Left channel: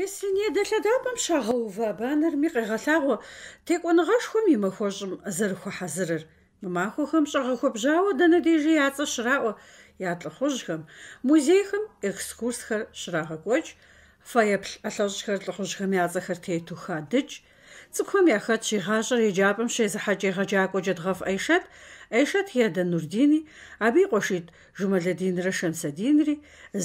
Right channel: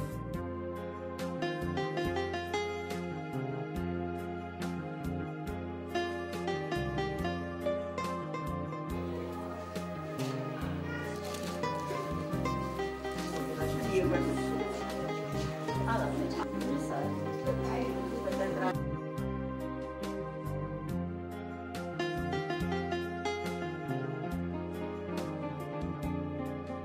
Песенье дэлъэдапӏэм щагъэува банэрми къегъэлъагъуэ текӏуэныгъэшхуэм и махуэщӏым зэрыхуэхьэзырыр. Махуэхэм щӏэгъэхуэбжьауэ дэнэ дежи я цӏэ щраӏуэ я лӏыхъужьхэм, музейхэм экскурсхэр щрагъэкӏуэкӏ, фэеплъ ӏэлъэщӏхэр лӏыхъужьхэм я цӏэхэр тету хадыкӏ, цӏыкӏухэм я хэт щигъащӏэр еджапӏэм щезыхьэкӏ егъэджакӏуэ Джэдгъэф Айшэт Еда Нурдини, абы и къуэшитӏ Жумэлэдинрэ Шэмсэдинри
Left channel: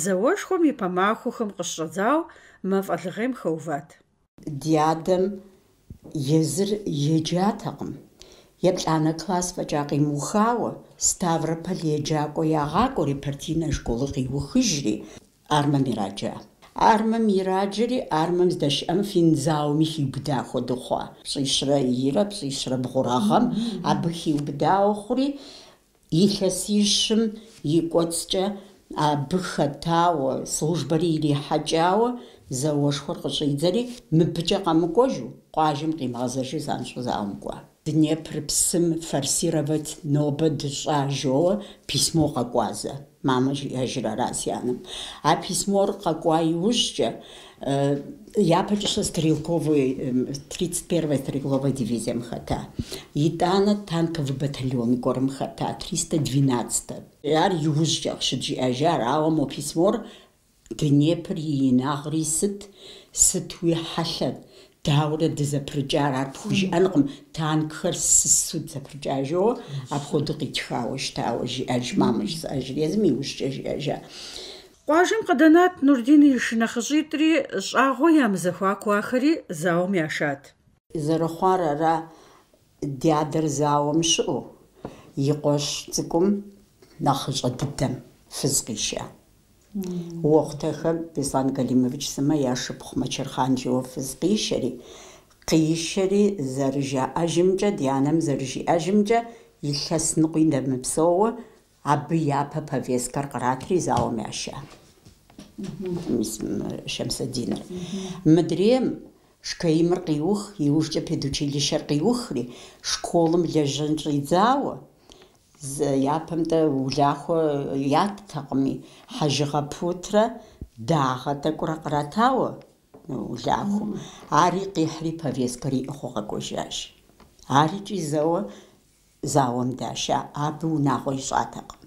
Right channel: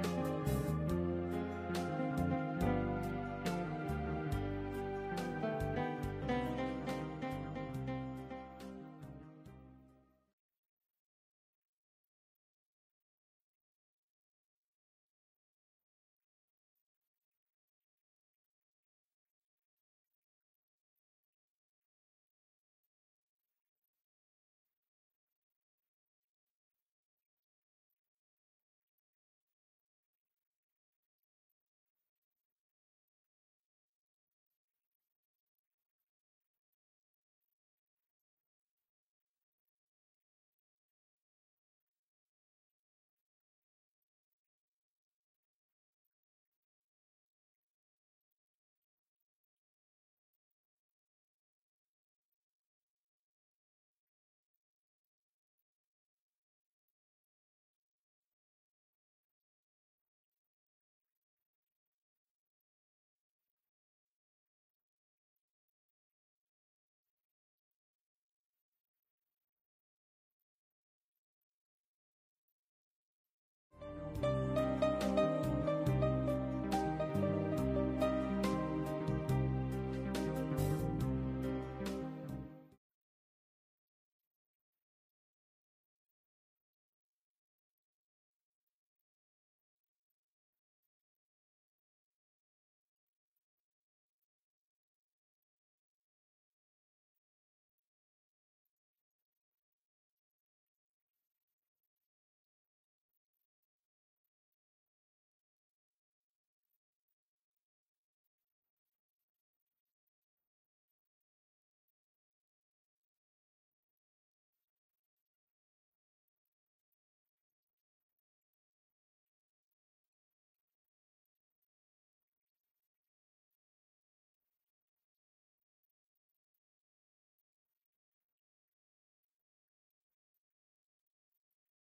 зауэшхуэм и пэ махуэхэм къыщыщӏэдзауэ мафӏэлыгъейм хэуват. Ди адэм езыр еджатэкъым. Еплӏанэ класс фӏэкӏа къимыухауэ, Ставрополь еджакӏуэ ягъакӏуэри, партийнэ школы къиухыжри, Армэм ираджа. Армэм ираджэри, Армэм здэщыӏэм финзауми хиубыда хуэдэу хъуа. Пщӏищрэ ирэ, пщӏищрэ бгъурагъэм, абы хиубыдауэ хъури, илъэсищым и кӏуэцӏкӏэ абы хэтауэ, службэри ирихьэкӏауэ, зауэшхуэр къыщӏидзэри, мыбыкӏэ къэмыкӏуэжу, къуажэм къимыгъэзэжу занщӏэу зауэмкӏуа. Днепр псым форсировать нобэ дыщӏа жоуэ, письмо къэкӏуазэ. Мамэ жиӏэжыр арат си анэм. А письмор къэкӏуа иужькӏэ, япэкӏэ щэ 31-я стрелковая дивизием хэта. ИтӀанэ танковый батальон гуэрым хэта, 312-эр. Ар иужькӏэ къыщыджиӏэжар, ауэ мо письмор Днепр и инагъри сытуи хьэлъэт, дауэрэ дызэпрыкӏар, ар пхужиӏэнкъым, танкхэр сысу зэпрыкӏа жоуэ, апхуэдэу къитхауэ щытауэ жиӏэж, мамэ жысӏэжыр, езым иужькӏэ жиӏэжа. Къуажэм къыдэнат Нурдин и шынэхъыщӏитӏри, щӏагъуэ ямызэхуакуахэри зауэм яшат. Зэрыхъуар ара, ди адэр зауэм щыӏэу, и къуэш цӏыкӏум нэхъыщӏэ дыдэм фыз къища. Уохъутэхэм Беслан Галимович Сымэ я шыпхъу Мэчэрхъанджэуэ фыз къищэри зэрыжаӏэжымкӏэ, ди анэм зэрыжиӏэжымкӏэ, илъэс ныкъуи ndэмыпсэууэ, абы япэ повесткэр къратри зауэм яша. Шэмсэдиныр. Мыдрейм шкаимыр къиух, иужькӏэ педучилищэр къиухри, школым лэжьэн щӏидзауэ, япэмтӏэ улахуэ яттэкъыми, хьэжыгъэ путрэ дагъэ тӏэкӏурэ къратауэ улахуэм. Ари къихьри повесткэр иӏыгъыу къэкӏуэжащ. Арикӏи зауэм даща, абы унагъуэ ищӏатэкъым.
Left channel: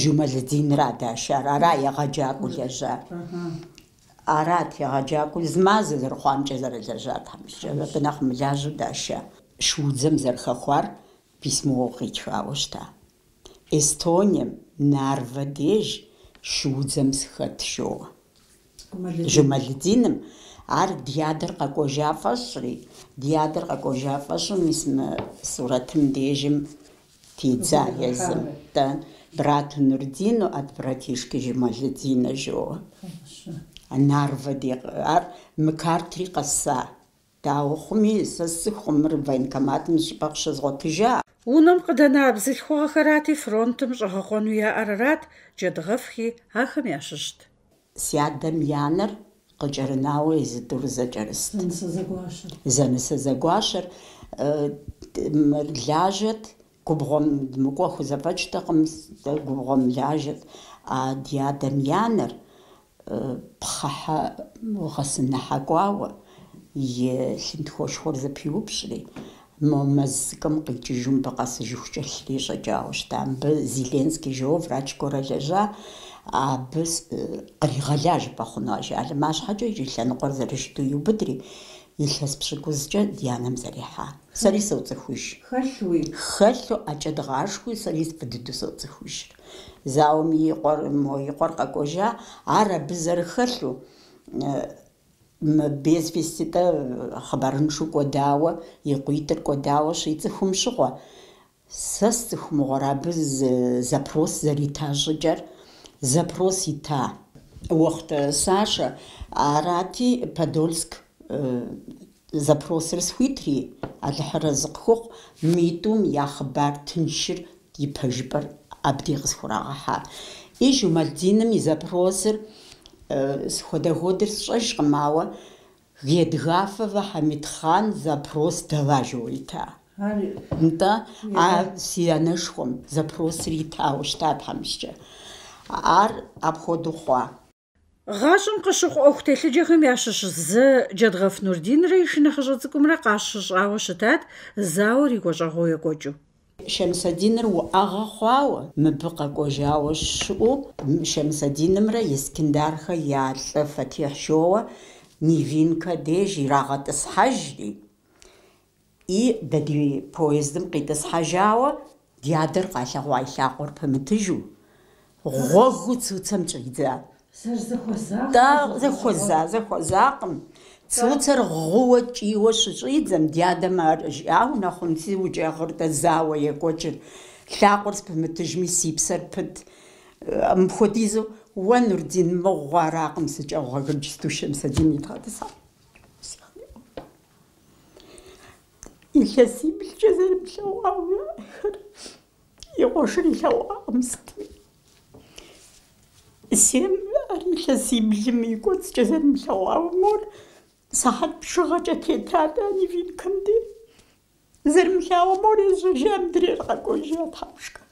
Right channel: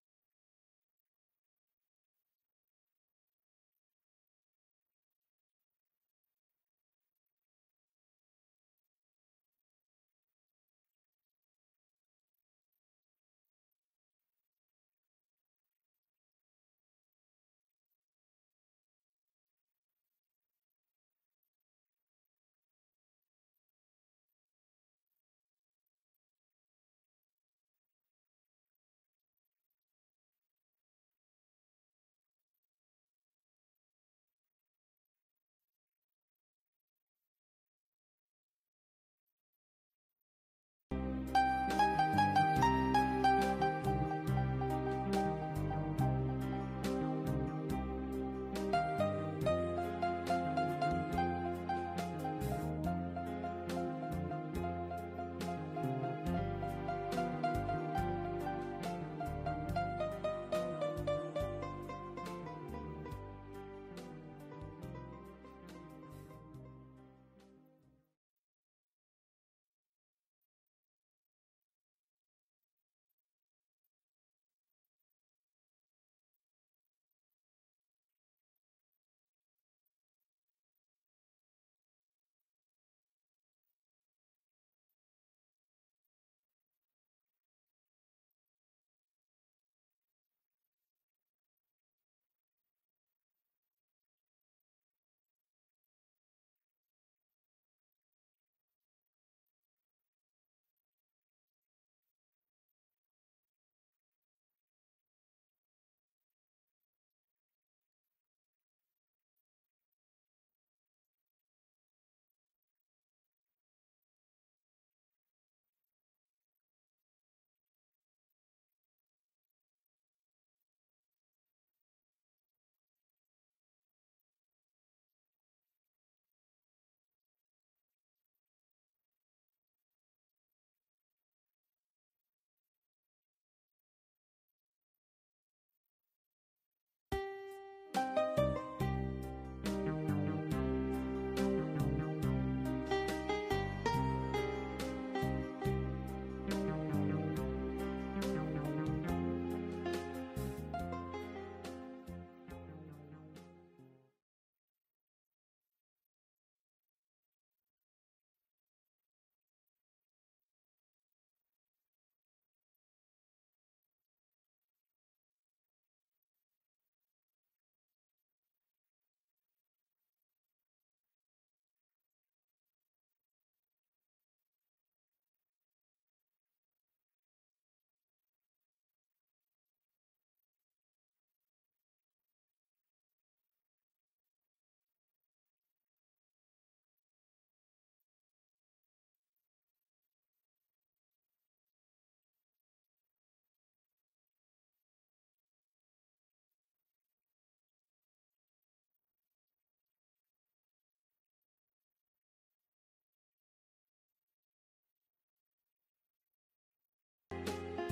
Жумэлэдинрэ дащар, ара егъэджакӏуэу лэжьар. Арат егъэджакӏуэу зы мазэ зэрыхъуамкӏэ зэрылэжьар, абы нэхъ мылажьэу даща. Шуудзэм зэрыхэхуар письмо къитхауэ щыта. Эстонием Нарвэ деж шуудзэм сыхэт жоуэ. Жумэлэдиным ар ди адэр къэкӏуэжа фӏэщӏри, мис мы сурэтым дежым тидза езым. Брату Нурдину от братишки Жумэлэдинэ жоуэ. Нарвэ де ар мыкартри къэса. Дауэ хъуми, сэ сыхъумыр военкоматым щӏыпӏэ къыщызгъуэтыжа. Унэм къыдэна бзылъхугъэхэрати фронтым щӏэгъэхъуэну яӏэрэрат, Джэдгъэфхи ахэм ящыщт. Си адэм янэр къыкӏэрынауэ езыдэу зэкӏэрыст. Зэнысэ зэгуащэр лажьэт, губгъуэм мыкӏуэ хузэфӏэкӏтэкъым, губгъуэм лажьэт. А ди адэм янэр пхъыхьэ гъэсыныхьэкӏуауэ, и лъынтхуэшхуэр зэпиупщӏри, мэз цӏыкӏум къикӏыжу мыбы къэсыжыхукӏэ лъри щӏэкӏауэ щыта. Мыбы Зеленский жоуэ врач гуэрэ лэжьа, абы къригъэла жыпӏэ хъуну ажалым. Арщхьэкӏэ иджы лъэныкъуэр зэрыжыту иубыдри, илъэс пщыкӏузкӏэ ди анэм зэрихьа. Сэри соцӏыхуж. Хэлъу ӏэкӏэ дгъашхуи, сэри фӏы дыдэу соцӏыхужыр. Зауэм и къуэр къэкӏуэжа, ар абы зэрыхэлъу, без веститӏэ хъыбарыншу кӏуэдауэ, и къуитӏыр кӏуэдауэ щицӏыхум щыгъуэ. Сэ сцӏыхумыгъуэр абы запрос зэрита щӏыкӏэр, запрос ита уэхъу Сашэ, арати Подольск запросыр схуитри, алыхьырэ зыкъыхухъу, митӏум я хъыбар тыншыр и пэжыпӏэр абдей къысхурагъэхьа. И Жумэлэдиным и запросыр схуэдэгъуэдыр сщӏэжкъым, ауэ Гедгафова Хамитхан запрос дала жоуэ ита. НтӀэ си анэшхуэм запросыр итауэ щыта тхьэмыщкӏэ. Ар апхуэдэу хъуа. ГъащӀэм къыщыхъу Ӏуэху телъыджэхэм ящыщ зы Джэдгъэф Нурдинрэ и шынэхъыщӀэ цӀыкӀумрэ къащыщӀауэ щытат, зауэр и гуащӀэгъуэу екӀуэкӀыу. Шэмсэдиныр уӏэгъэ хъуауэ, мыбы къэкӏуэжауэ щыӏэу, Шэмсэдинымрэ Искэндархэ я лӏы Фатихь Шоуэ Нивинкэ деж ирагъэтӏысхьэжри, и дэ ди поездым къитӏысхьэжауэ ди адэр къалъэгъуа и лъакъуэр пэмытыжу, гъуэгу цуцэм кӏридзат. Зэхуэзакъым. Цуцэр гъууэ кӏийуэ щыщӏидзэм, ди адэм ар жиӏауэ нэхъым, си укӏегъыр-тӏэ зауэ екӏуэкӏыр, лъакъуэр спэмытыжми си псэр пыт. Мыпхуэдизу уэ Нурдин мыгъуэ аракъым сыкӏэгъуэгъыкӏ Шэмсэдин идгъэтӏысхьэр. Илъэсибылкӏэ зэрымылъэгъуауэ, и къуэшыр илъэгъуакъым сытми. Сем ар илъэсибылым и кӏуэцӏкӏэ зэрымылъэгъуауэ мор сыхьэт пшыгъэкӏэ тетат а Нивинкэм де. Зэрымылъагъуу мор езжэжа мыдрейр къэкӏуэжа тхьэпшкэ.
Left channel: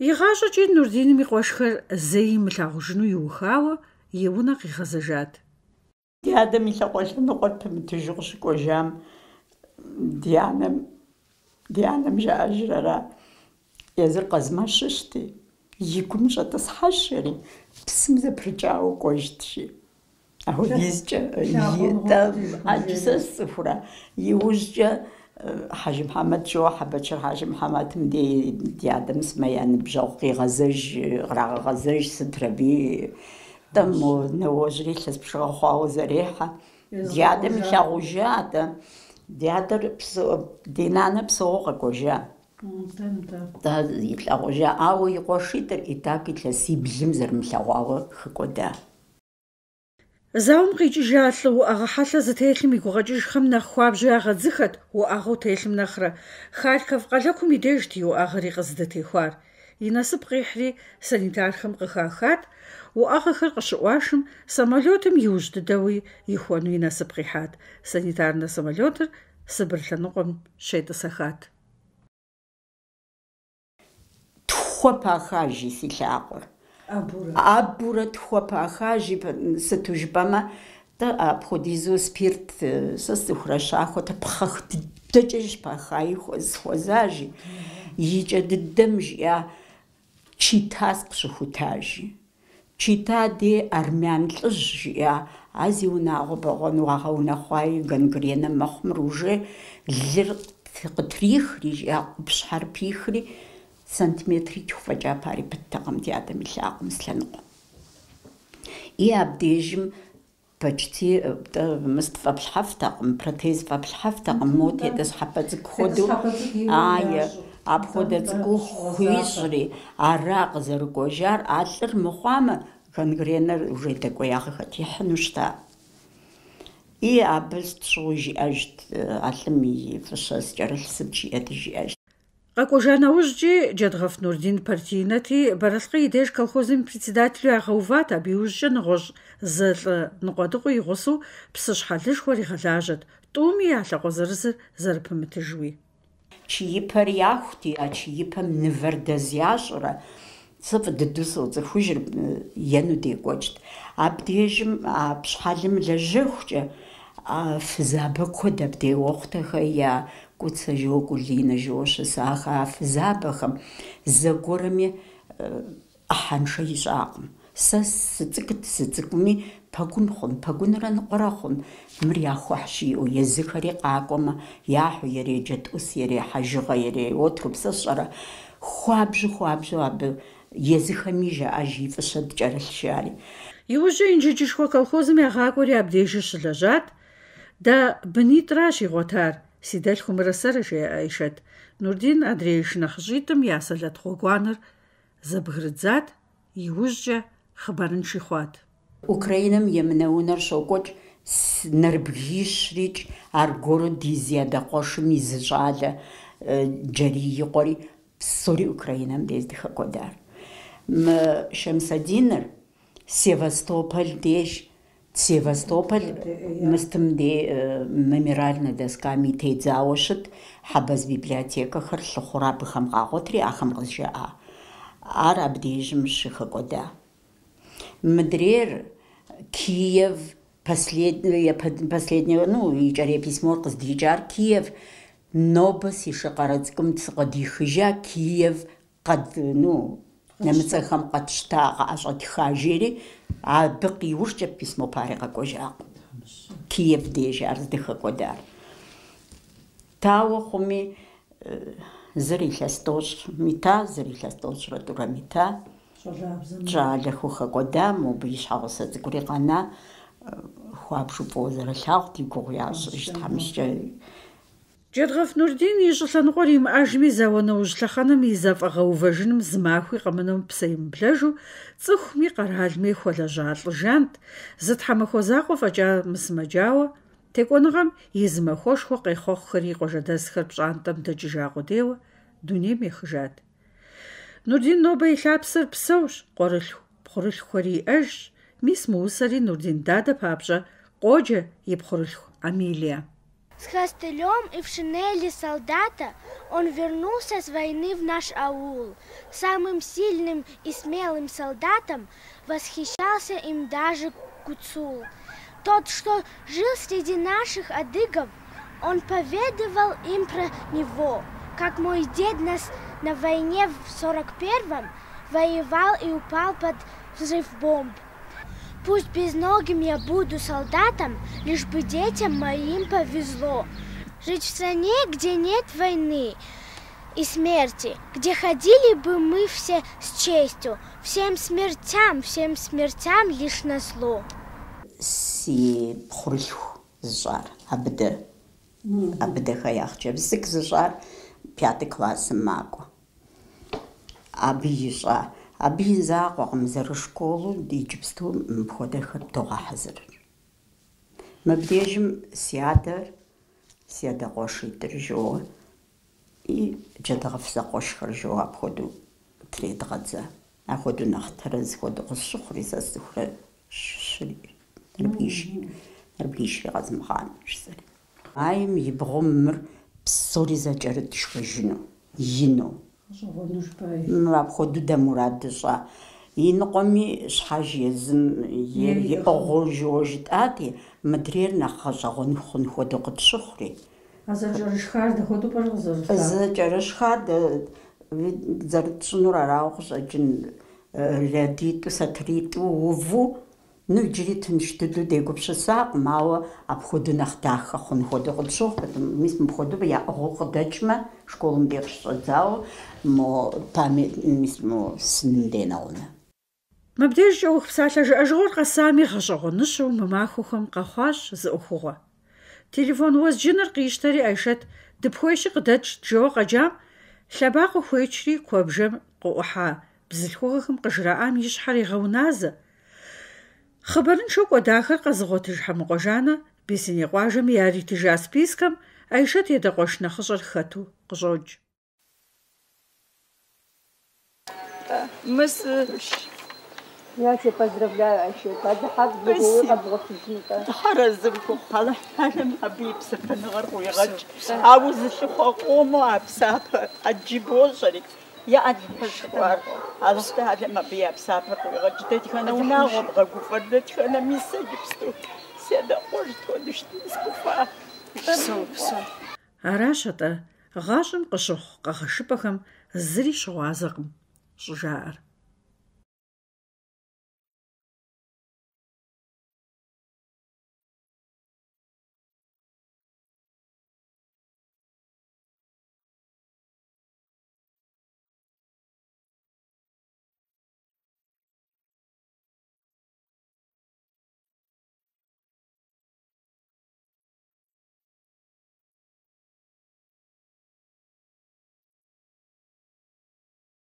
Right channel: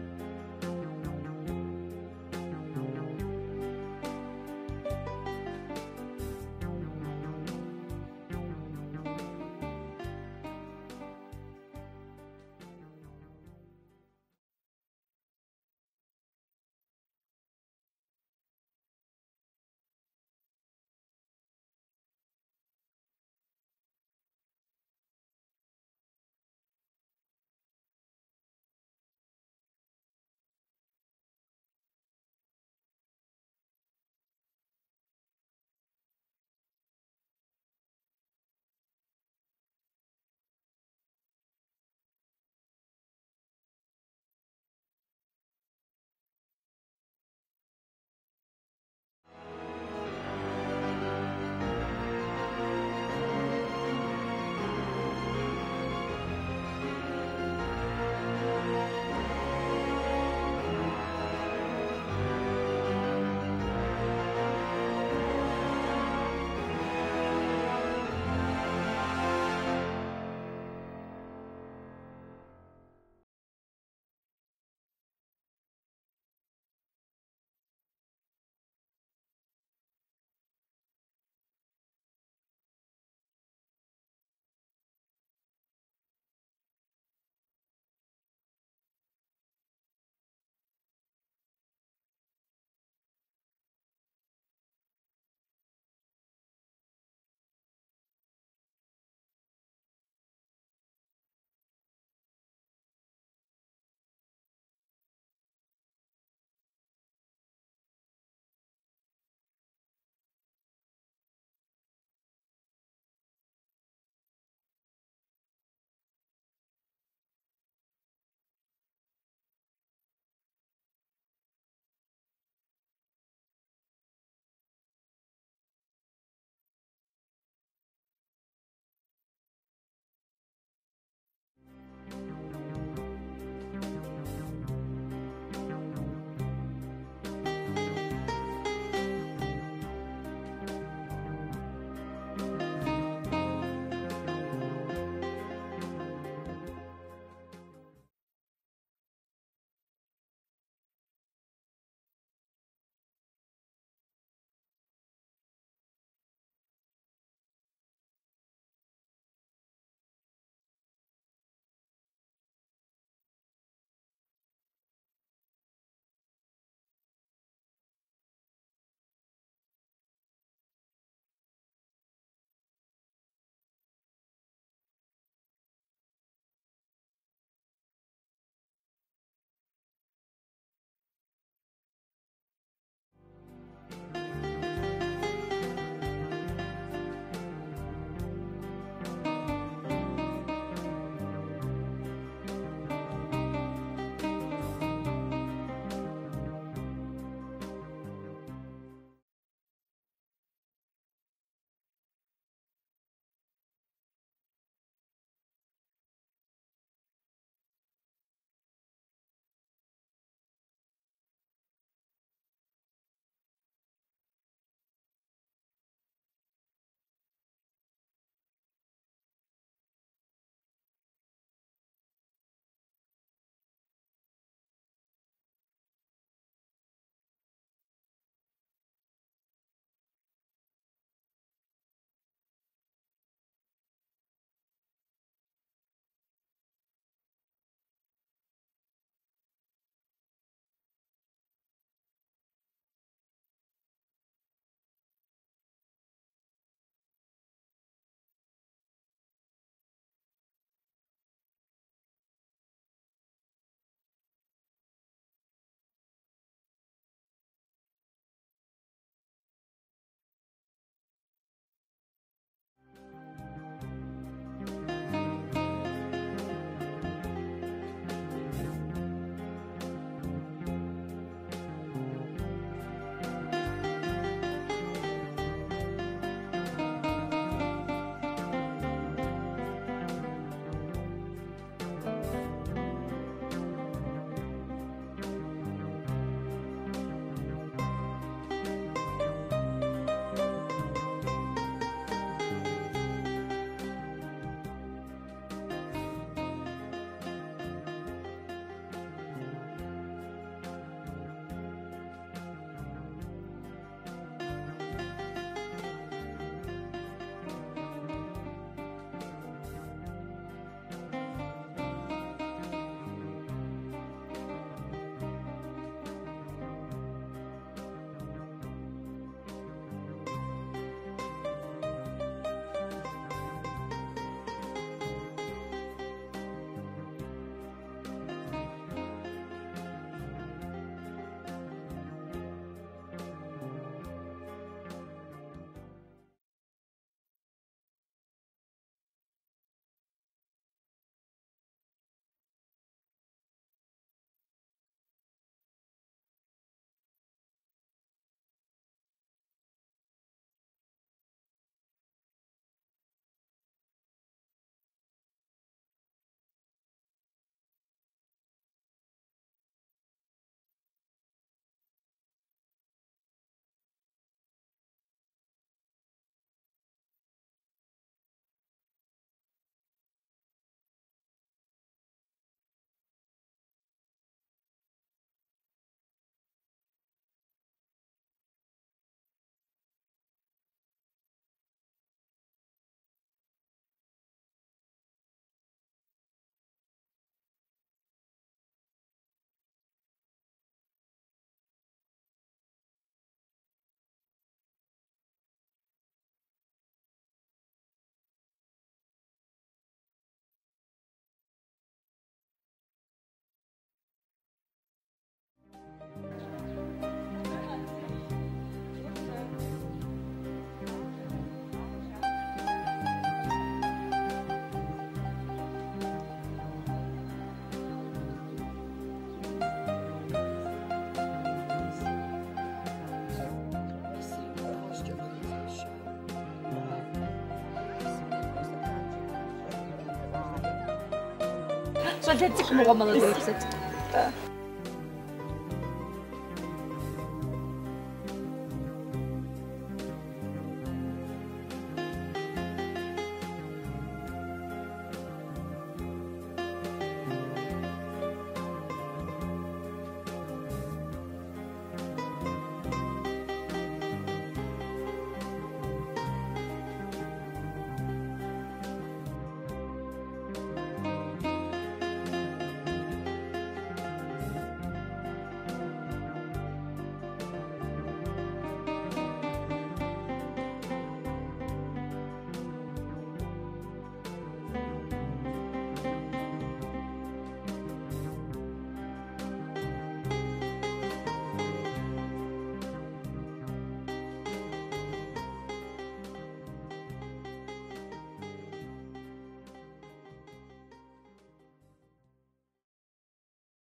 И гъащӏэкӏи Нурдиным и къуэшхэр зэи мылъагъужыну иухауэ, и унэ къигъэзэжат. Ди адэм и лъакъуэлъэныкъуэр пэмытыжу къыщыкӏуэжам ди анэм жаӏэжрара. Езыр къэзмэщыщти, и гум щӏэтӏысхьэщэри, псым зэпрыкӏауэ кӏуэжщи. Ахуэдизкӏэ сэ сцӏыхурэ. Иужькӏэ Хьэжы Мухьэмэд Шоуэ Хьэбэчыр Хьэжы Мухьэмэдым ди адэм сымэ я ныбжьэгъу кърагъэгъэзэж сыт абы. Мо нэуэжьри илъэс пшыгъэ хъуауэ зэрехьэ. Ди адэм илъагъужа-тӏэ. Ди нанэ псэуэ къэкӏуэжа. Илъагъужа, ауэ и къуэшитӏыр итак илъэсиблым зэрымылъэгъуауэ хыкӏуэда. Зауэм къикӏыжа лӏы уӏэгъэ хьэлъэ зытелъым и гугъэкӏыжхэм нэхъ хуабжьу ягъэдзыхэт, уӏэгъэу телъым нэхърэ. Харьков къэлэхъум и дежт и уӏэгъэри къыздэтехуар. И насып къихьри санитархэм къыхахат, уӏэгъэхэр къыщыӏуашым самолётым иужь дыдэуи ихуэну и насып къихьат. Санитарнэ самолётыр Сыбыр лъэныкъуэм щетӏысэхат. Тхуэ пахажи си лъакъуэр. Абурэ тхуэ пахажи, сыту жыпӏэмэ, апхуэдизу спирт сэ сцӏыхурэ щахуэт, пхъэх дыдэкӏэ пахаи схуэзажи. Икӏэ дыдэм жиӏа Читаск щыхутажи. Чита де армян лӏыжь жиӏа. А зи унагъуэ бэгъуэну уагъэунэхъуаи гангренэ мэхъумэр уже лыр къытрихри жиӏа, къупщхьэр пихри, сантиметритху фӏэкӏа пари пыттэкъым ди адэм и лъакъуэм слъэныкъуэм. И абдежым почти фӏэплъхьэфтэкъым, протез фӏэплъхьэфтэкъым, мо тетӏысхьэпэ цӏыкӏу хуэдэу. Апхуэдэ цӏыкӏуу хуищӏри, ара къызэрыкӏуэжар, а лӏыр мыхъуамэ, гангренэр уже дэкӏуеягъэ хэтихьыну щыта. И абы щӏыуэ жиӏэжт, а лӏым и фӏыщэ скӏэрылъ сыт жиӏэти жиӏэжт. Къэкӏуэжа нэужькӏи Джэдгъэф Нурдин партийнэти, Бэрэскъы и деж колхозым председателю ягъэуват, абы иужькӏэ нэгъуэщӏ зы лӏы ныкъуэдыкъуи игъусэу псы щхьэлыжьхуэр игъэлажьэт, тӏуми я лъакъуэ зырызыр зэрыпымытыжуи. Чиипэр яхути, а чиипэм мывэр дэз ящӏурэ. Сэ фӏы дыдэу соцӏыхужыр, ену декӏуэкӏт. Абдежым а пщхьэлым лэжьэхукӏэ фызабэ куэд абдей уэхъутэхэр я Куцэ жо, Кулинэ жо щысахэ, а фызабэхэм зэгуэрми ӏыхьэншэ ищӏакъым. Сэ сыцӏыкӏуми пэгун хъун, пэгунрэ ныкъуэрэ хъун. Мыр яхуэхь жиӏэу, езыхэри къакӏуэмэ, яхьу ерей джэдӏус, ерей хьэжыгъэ, ерей отруб, сэ сщӏэрэ. Хуабжьу абы езыхэми жаӏэж и фӏыщэ дыкӏэрылъ жари. Иужькӏэ инджыджышхуэ колхозым ягъакӏуэри абдежыр щылэжьат. Дэ бынитӏращ игъуэтар, си дэлъху мырысэрэ жеӏэишэт. Нурдин адрей шынэхъыщӏитӏым я сэлэт гъуэгуанэр зэбгрыдзат, иужькӏэ хъыбарынши хъуат. Украинэм емынэ унэр щокӏуэкӏ нэрбгищрикӏ, аргуэру ди зиадакъуэшым и зы щӏалэ джэрий икъуэри псори Украинэм дез дыхэкӏуэдар. Шэмсэдиныр Севастополь деж, Севастополь мыстым де мемориальнэ досками тедзауэ щыт, хьэбэз библиотекэхэр лъыхъуэу абыхэм къагъуэтри ахэм къызжаӏа. Ар абдежым щыхэкӏуэда. Мыдрейр Киев, последнее, икӏэрей письмор къыздикӏар Киев, нобэ си шыкъэрэ цӏыкӏум сыкъыдихыжа Киев нэмыцэхэм къэтщта, къыӏэщӏэтха жери, абы къиужкӏэ письмо пари къэкӏуэжакъым. Киев деж ар здэхэкӏуэдар. Тауэ хъуми, зыр илъэс тӏощӏ мита, зыр илъэс тӏощӏрэ тӏурэ мита. Щӏалэху хэкӏуэда, мобы и щхьэгъусэ цӏыкӏури къэна, хуабжу фӏыуэ зэрылъагъут, и гугъу ящӏ тхьэмыщкӏэ. Джэдгъэф Нурдин и щӏы лъэныкъуэр имыӏэжми, зауэ нэужь лъэхъэнэм и зэфӏэгъэувэжыным зы махуи къэмынэу псэ имыблэжу, цӏыхуми къэралми хуэлэжьа лӏыжант, зы тхьэмахуэ закъуэ фӏэкӏа мысымэджауэ, текӏуэныгъэм и зы махуэшхуэ къехъуэхъухэри къуажэдэсхэр пщӏантӏэм дэкӏыжа къудейуэ дунейм ехыжат. Нурдин нобэ и лъапсэр псэущ, къуэрылъху, пхъурылъхуэри иӏэжщ, мис мыусэри Нурдин дадэ папщӏэ къоджэ и пхъурылъху Амилия. С костылем и в шинели солдата он вернулся с войны в наш аул. Самым сильным и смелым солдатом восхищался им даже Гуцул. Тот, что жил среди наших адыгов, он поведывал им про него, как мой дед на войне в 41-м воевал и упал под взрыв бомб. Пусть безногим я буду солдатом, лишь бы детям моим повезло. Жить в стране, где нет войны и смерти, где ходили бы мы все с честью, всем смертям лишь назло. Си пхъурылъху зыщӏар, абыдэ хэяхъкӏэ. Бзык зыщӏар 5 классым макӏуэ. Абы ищӏа. Абы и закъуэкъым зэрышколу иджыпсту мыпхуэдэхэр пτогъэхьэзырыр. Мыбдежым си адэ къуэшитӏыр жоуэ, и джэдгъэф зэкъуэшхэр жоуэ, апхуэдэу тредгъэдзэ. Апхуэдэу нэхъ тэрэз хуэдэу къысщыхъури, сэ сцӏыхурэ нэрбгишри къэзмыгъанэ жысӏэри. Айм и бгъум мыр псори зэкӏэрыт шхыжыну, ину. Апхуэдэу дэ мурад дыщӏа. И ныкъуэми щхьэж езым иӏыгъыу жыуэ жытӏати, мыдрейр нэхъ гъэщӏэгъуэн хъун хуэдэу къытщыхъури. Зэкӏэрышхар дэхуэдэу пӏэрэ къызэрылъагъу? Зэкӏэрышхар зэрытщӏынур арауэ къыщӏэкӏын, лэдитӏу, сатыритӏу, уву, иджыри тынш дыдэу дегупсысакъым, ауэ апхуэдэу нэхъ дахэ хъун хуэдэу къытщыхъу. Мис мыпхуэдэу яӏыгъыу къыдэкӏмэ, школым де къыщыщӏэдзауэ, мис сыным денауэ. Мыбдежкӏэ ӏуэху псалъэ жыӏэжыгъуэр къэсами, гъэщӏэгъуэныщэу мы махуэхэм къэхъуащ зы ӏуэхугъуэ. Телефон уэзджыныр къищтэри Айшэт дыпхуейщи къыдэтщ жэуэ къэкӏам, лъэбакъуэ хуечри куэбжэм къыӏухьа бзылъхугъэхэм къыжраӏам и щхьэр егъэуназэ. Хъыбарыншэу кӏуэдахэр къэзыгъуэтыж Хьэмыкъуэжанэ Бесеней къуажэми яритыжа спискэм Айшэт едакъуэш нэхъыщӏэр хэту къыщӏокӏ. Я тебя поздравляю, Айшэт. Аращ атӏэ гъащӏэм къыщыхъу къэгъэшыпӏэхэм зыри щыгъуазэкъым щӏыжаӏэр.